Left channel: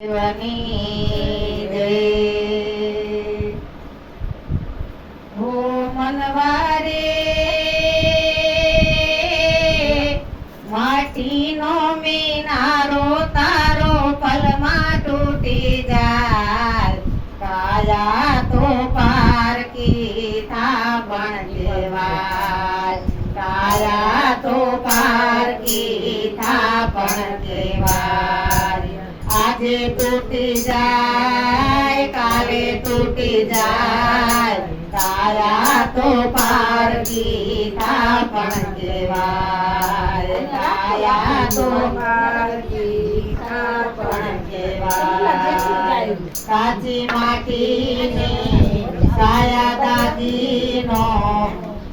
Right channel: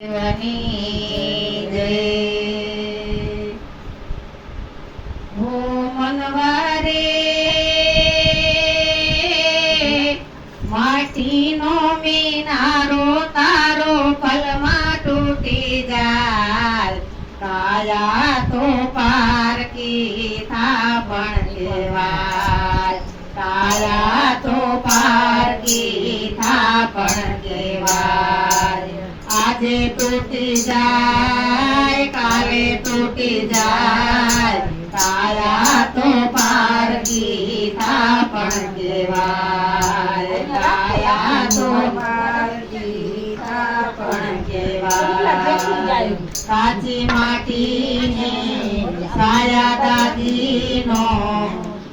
દેવની જય. હો મનવારે માટીનો મિનારો તારો પલમાં તૂટી જાય, કાયા તો પારકી થાપણ કહેવાય, કાયા તો પારકી થાપણ કહેવાય. આજે તૂટી જાય કાલે તૂટી જાય, કાયા તો પારકી થાપણ કહેવાય, કાયા તો પારકી થાપણ કહેવાય. કાચી માટીને કાયા દાદીનો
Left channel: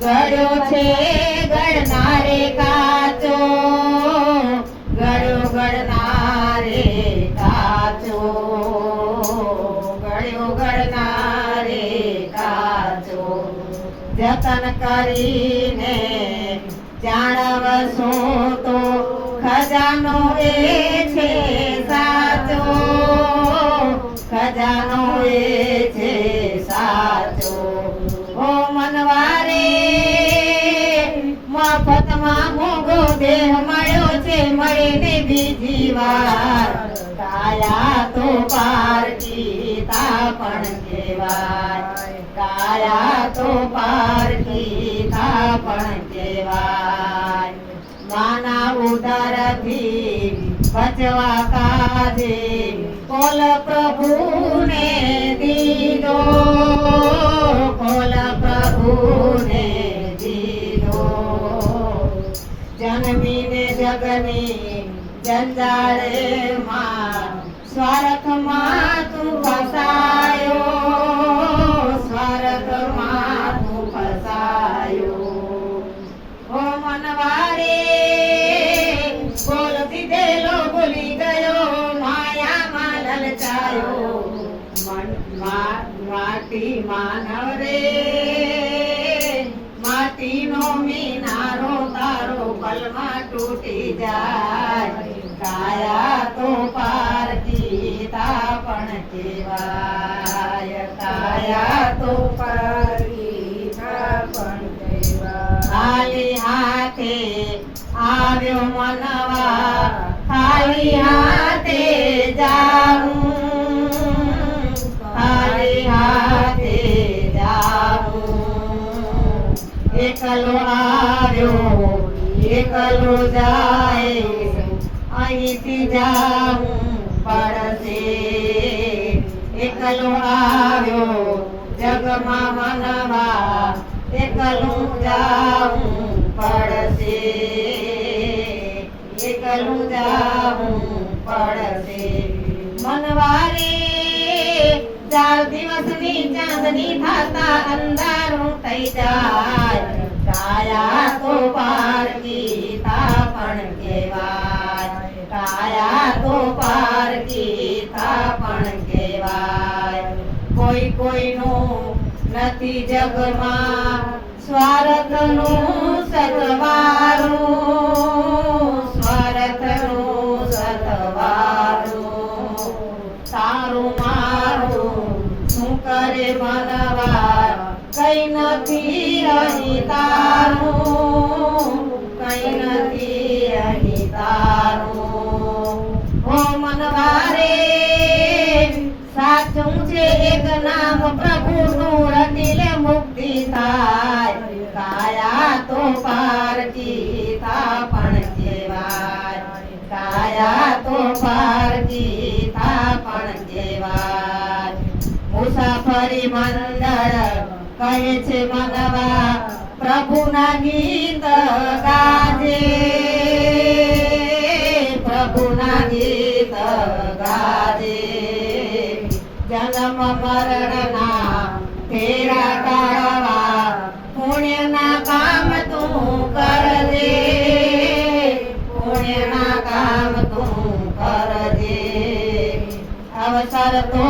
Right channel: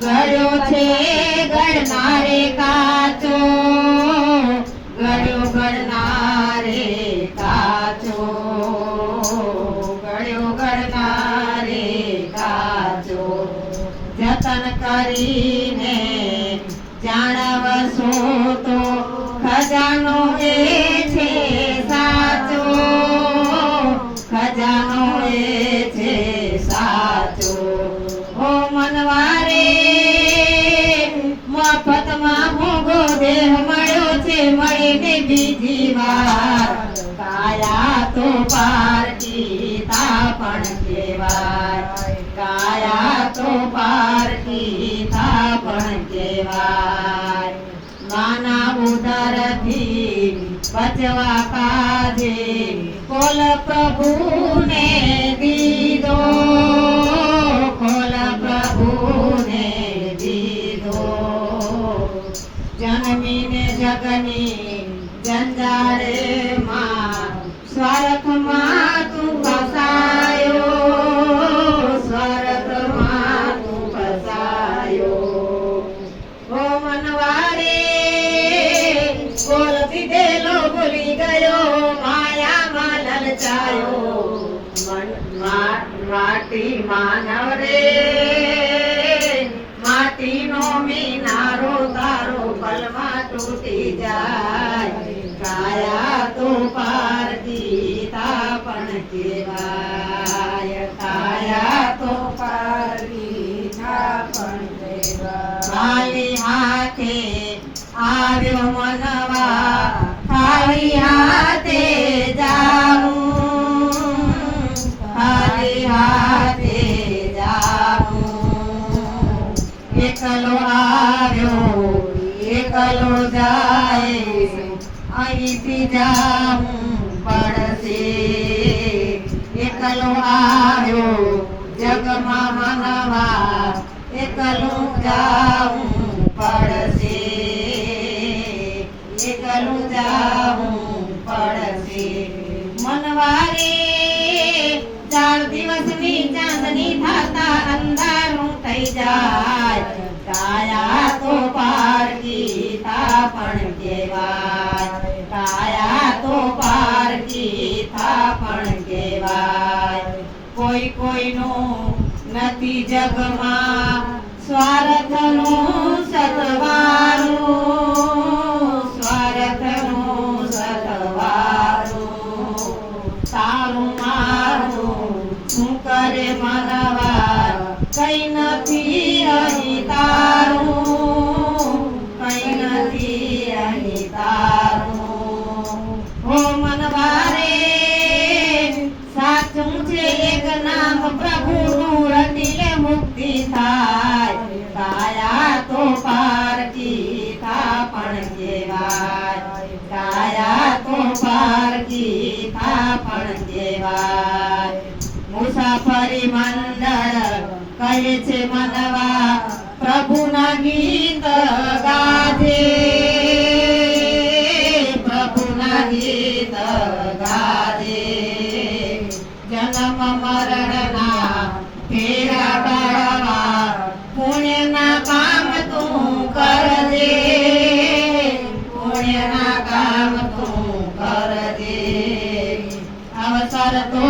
ગળ્યો છે ગળનારે કાચો, ગળ્યો ગળનારે કાચો, ગળ્યો ગળનારે કાચો. જતન કરીને જાણવશો તો ખજાનો એ છે સાચો, ખજાનો એ છે સાચો. ઓ મનવારે મફતમાં મોગો દેહ મળ્યો છે, મળીને બીજી વાર, કાયા તો પારકી થાપણ કહેવાય, કાયા તો પારકી થાપણ કહેવાય. માના ઉદરથી બચવા કાજે કોલ પ્રભુને દીધો, કોલ પ્રભુને દીધો. જન્મીને જગની જંજાળેમાં સ્વાર્થમાં તું ફસાયો, સ્વાર્થમાં તું ફસાયો. ઓ મનવારે બોલ દીધેલો ભૂલી ગયો, માયામાં લલચાયો. માટી માનવ રે માટીનો મિનારો તારો પલમાં તૂટી જાય, કાયા તો પારકી થાપણ કહેવાય, કાયા તો પારકી થાપણ કહેવાય. ખાલી હાથે આવ્યો મનવા, ખાલી હાથે જાવું, ખાલી હાથે જાવું. એકલો આવ્યો એકલો જાય, અહીંથી જાવું પડશે. એકલો આવ્યો જગમાં મનવા, એકલું જાવું પડશે, એકલું જાવું પડશે. મનવારે ચાર દિવસની ચાંદની થાતા અંધારું થઈ જાય, કાયા તો પારકી થાપણ કહેવાય, કાયા તો પારકી થાપણ કહેવાય. કોઈ કોઈનું નથી જગમાં સ્વાર્થનું સતવારું, સ્વાર્થનું સતવારું. તારું મારું શું કરે મનવા, કઈ નથી અહીં તારું, કઈ નથી અહીં તારું. હો મનવારે સાચું છે એક નામ પ્રભુનું, રટીલે મુક્તિ થાય, કાયા તો પારકી થાપણ કહેવાય, કાયા તો પારકી થાપણ કહેવાય. મુસાફરી મંડળ કહે છે મનવા, પ્રભુના ગીત ગાજે, પ્રભુના ગીત ગાજે. જન્મ મરણના ફેરા ટાળવા પુણ્યના કામ તું કરજે, પુણ્યના કામ તું કરજે. અવસર તો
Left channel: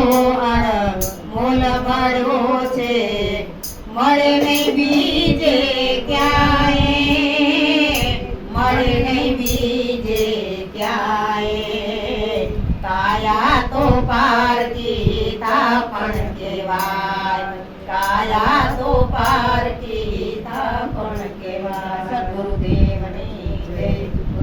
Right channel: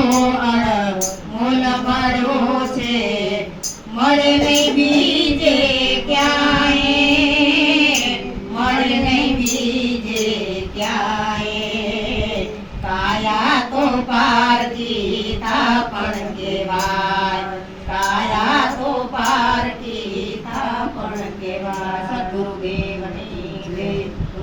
અણમોલ મળ્યો છે, મળે નહીં બીજે ક્યાંય, મળે નહીં બીજે ક્યાંય. કાયા તો પારકી થાપણ કહેવાય, કાયા તો પારકી થાપણ કહેવાય. સદગુરુદેવની જય.